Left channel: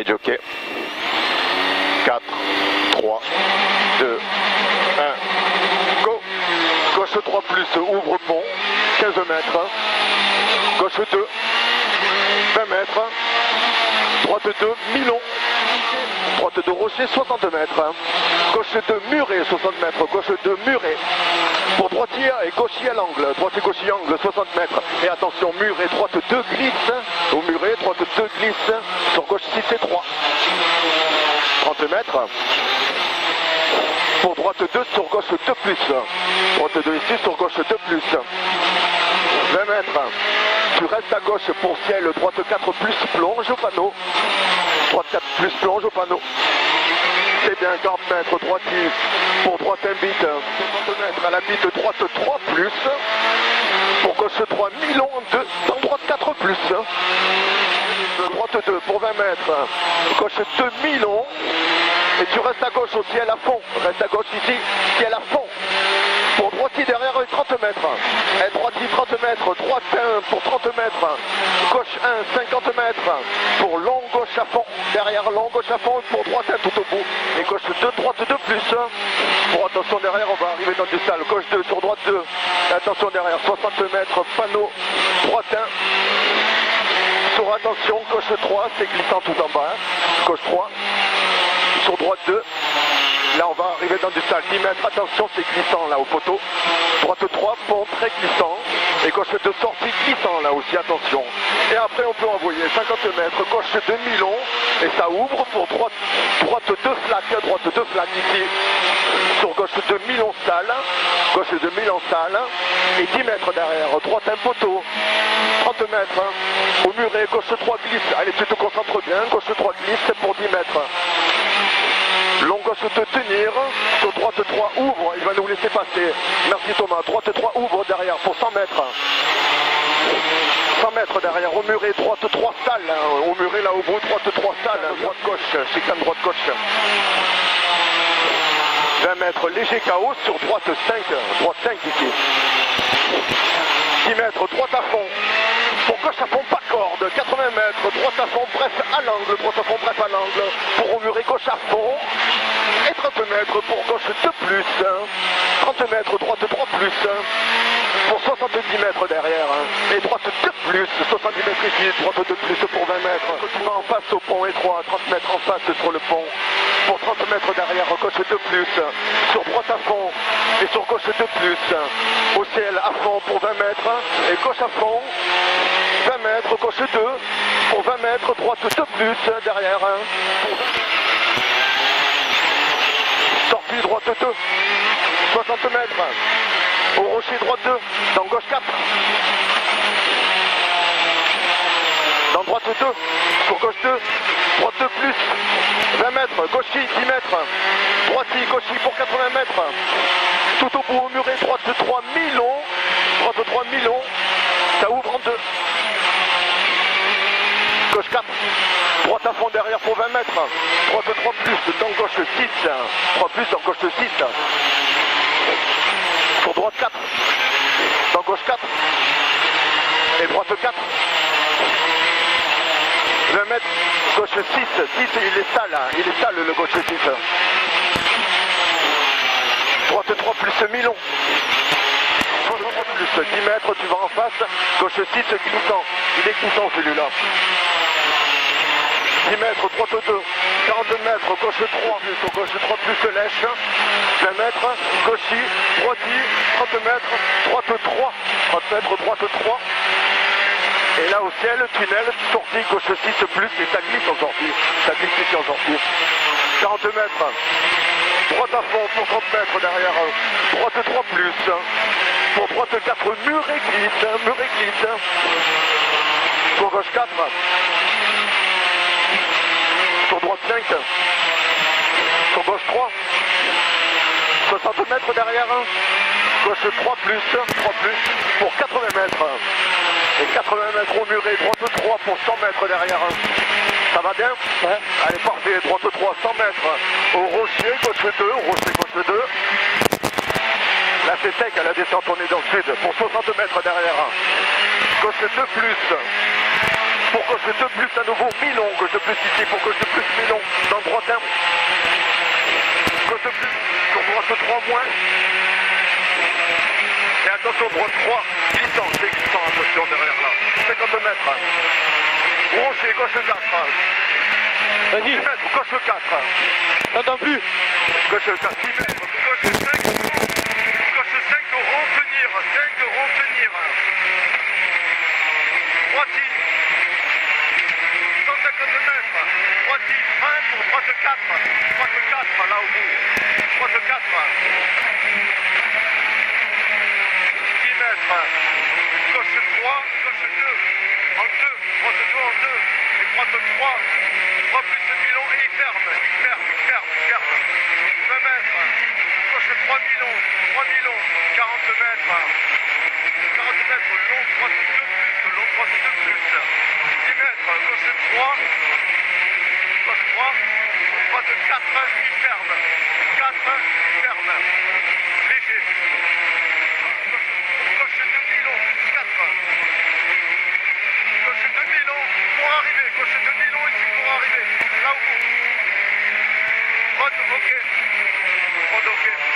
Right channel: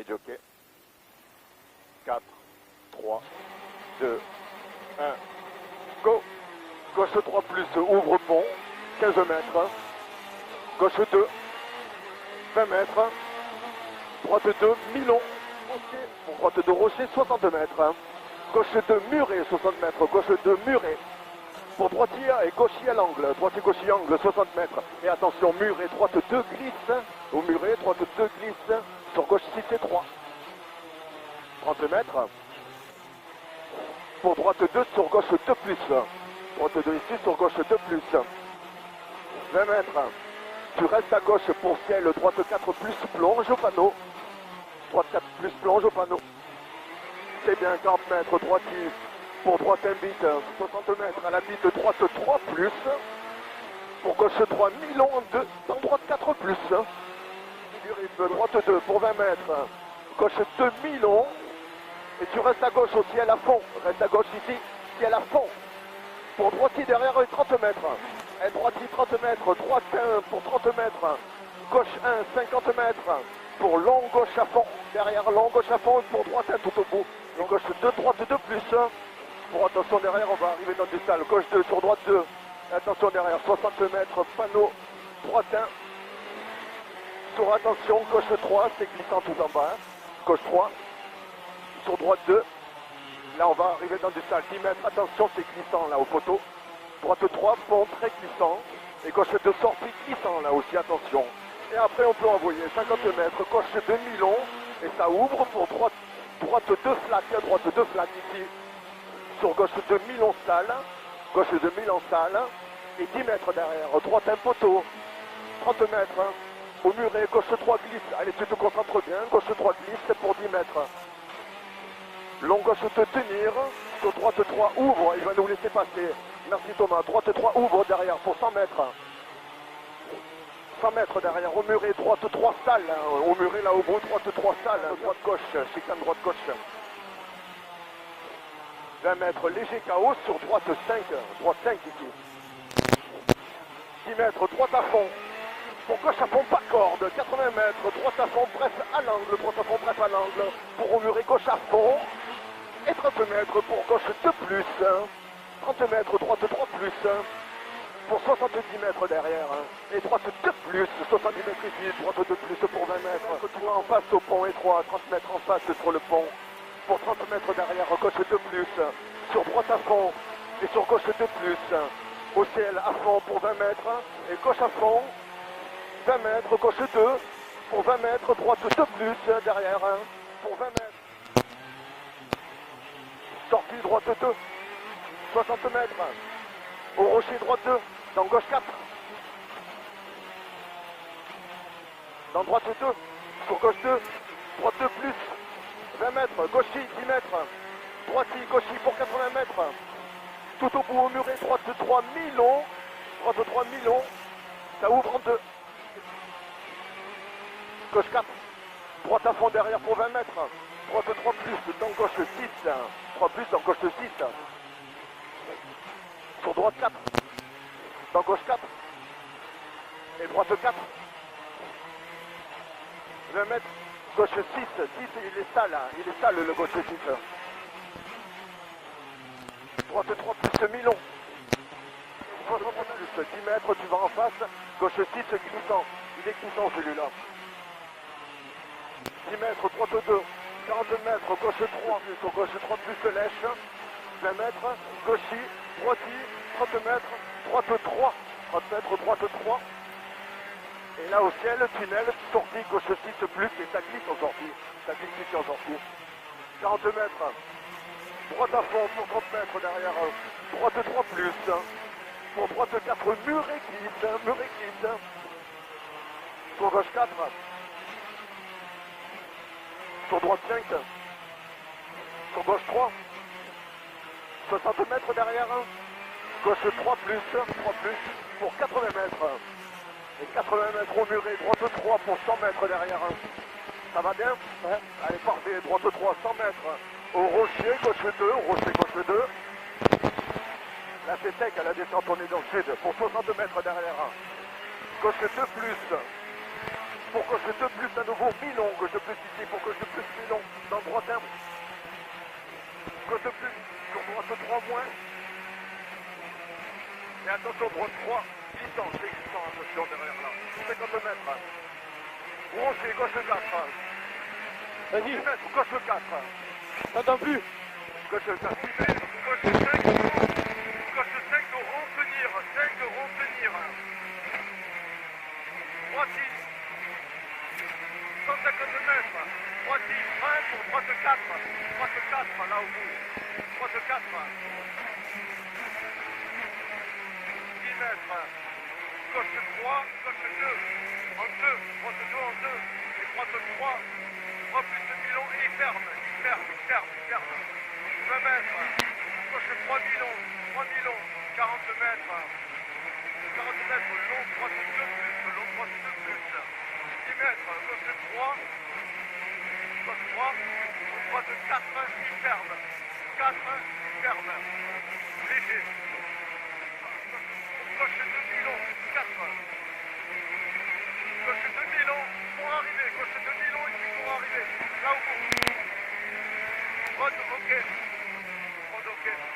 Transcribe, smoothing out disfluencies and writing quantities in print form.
les jockeys. 4, 3, 2, 1, go. Gauche 3 plus, ouvre pont, 15 mètres. Gauche 2, 20 mètres. Droite 2, Milon. Droite 2, Rocher, 60 mètres. Gauche 2, Muret, 60 mètres. Gauche 2, Muret. Pour droitier et gauchier à l'angle. Droitier, gauchier, angle, 60 mètres. Et attention, Muret, droite 2 glisse. Au Muret, droite 2 glisse. Sur gauche 6 et 3. 30 mètres. Pour droite 2, sur gauche 2 plus. Droite 2 ici, sur gauche 2 plus. 20 mètres. Tu restes à gauche pour ciel. Droite 4 plus, plonge au panneau. Droite 4 plus, plonge au panneau. C'est bien, 40 mètres, droitier. Pour droite un bit, 60 mètres à la bite, droite 3 plus. Pour gauche 3, Milon 2, dans droite 4 plus. Droite 2 pour 20 mètres. Gauche 2, Milon. Et tu restes à gauche au ciel à fond. Reste à gauche ici, ciel à fond. Pour droitier derrière 30 mètres. Et droitier 30 mètres. Droite 1 pour 30 mètres. Gauche 1, 50 mètres. Pour long gauche à fond. Derrière long gauche à fond. Pour droite 1 tout au bout. Et gauche 2, droite 2 plus. Pour attention derrière, on va arriver dans du sale. Gauche 2 sur droite 2. Et attention derrière, 60 mètres. Panneau. Droite 1. Sur attention, gauche 3. C'est glissant tout en bas. Gauche 3. Sur droite 2. Là on va arriver dans du sale, 10 mètres, attention c'est glissant là au poteau. Droite 3, pont très glissant. Et gauche 2 sortie glissant là aussi, attention. Et après on peut envoyer 50 mètres, gauche 2 Milon. Et ça ouvre pour droite 2 flaques, droite 2 flaques ici. Sur gauche 2 Milon salle, gauche 2 Milon salle. Et 10 mètres derrière, droite un poteau. 30 mètres, au muret, gauche 3 glisse. Allez tu te concentres bien, gauche 3 glisse pour 10 mètres. Long gauche de tenir, sur droite 3 ouvre, il va nous laisser passer. Merci Thomas, droite 3 ouvre derrière pour 100 mètres. 100 mètres derrière, au muret, droite 3 salle, au muret là au bout, droite 3 salle, droite gauche, chicane droite gauche. 20 mètres, léger chaos sur droite 5 ici. 10 mètres, droite à fond. Pour gauche à fond, pas corde, 80 mètres, droite à fond, bref à l'angle, droite à fond, bref à l'angle, pour au muret, gauche à fond, et 30 mètres pour gauche 2 plus, 30 mètres, droite 3 plus, pour 70 mètres derrière, et droite 2 plus, 70 mètres ici, droite 2 plus pour 20 mètres, retour en face au pont étroit, 30 mètres en face sur le pont, pour 30 mètres derrière, gauche 2 plus, sur droite à fond, et sur gauche 2 plus, au ciel à fond pour 20 mètres, et gauche à fond, 20 mètres, gauche 2, pour 20 mètres, droite 2 plus, derrière, pour 20 mètres. Sortie droite 2, 60 mètres, au rocher droite 2, dans gauche 4. Dans droite 2, pour gauche 2, droite 2 plus, 20 mètres, gauchis 10 mètres, droitis, gauchis pour 80 mètres. Tout au bout au muret, droite 3 Milon, droite 3 Milon, ça ouvre en 2. Gauche 4, droite à fond derrière pour 20 mètres, droite 3 plus, dans gauche 6, 3 plus dans gauche 6, sur droite 4, dans gauche 4, et droite 4, 20 mètres, gauche 6, 6 il est sale le gauche 6, droite 3 plus Milon, plus 10 mètres, tu vas en face, gauche 6 glissant, il est glissant celui-là. 10 mètres, droite 2, 40 mètres, gauche 3, gauche 3 plus lèche, 20 mètres, gauchis, droitis, 30 mètres, droite 3, 30 mètres, droite 3. Et là au ciel, tunnel, sortie, gauche 6 plus, et ça glisse en sortie, ça glisse ici en sortie. 40 mètres, droite à fond pour 30 mètres derrière, droite 3 plus, pour droite 4, muret glisse, pour gauche 4. Sur droite 5, sur gauche 3, 60 mètres derrière, gauche 3 plus, pour 80 mètres, et 80 mètres au muret, droite 3 pour 100 mètres derrière, ça va bien? Ouais. Allez parfait, droite 3, 100 mètres, au rocher, gauche 2, rocher gauche 2, là c'est sec, à la descente on est dans le sud, pour 60 mètres derrière, gauche 2 plus, pour gauche 2 plus à nouveau, mi-long, gauche 2 plus ici, pour gauche 2 plus, mi-long, dans droite 1. Gauche 2 plus, sur droite 3 moins. Et attention, droite 3, glissant, c'est glissant, attention derrière là. 50 mètres. Rocher, gauche 4. Vas-y. 10 mètres, gauche 4. T'entends plus. Gauche 4, 10 mètres, gauche 5. Gauche 5 de retenir, 5 de retenir. Droite 150 mètres. Droite 1 pour droite 4. Droite 4 là au bout. Droite 4. 10 mètres. Gauche 3, gauche 2. En 2. Droite 2 en 2. Et droite 3. 3 plus mi-long et il ferme. 20 mètres. Gauche 3 mi-long. 3 mi-long. 40 mètres. 40 mètres. Long droite 2 plus. Long droite 2 plus. 10 mètres. Gauche 3. Gauche 3. Droite 4. Il ferme. 4. Il ferme. Léger. Gauche 2 mi-long. 4. Gauche 2 mi-long. Pour arriver. Gauche 2 mi-long ici pour arriver. Là au bout. Droite, ok. Droite, ok.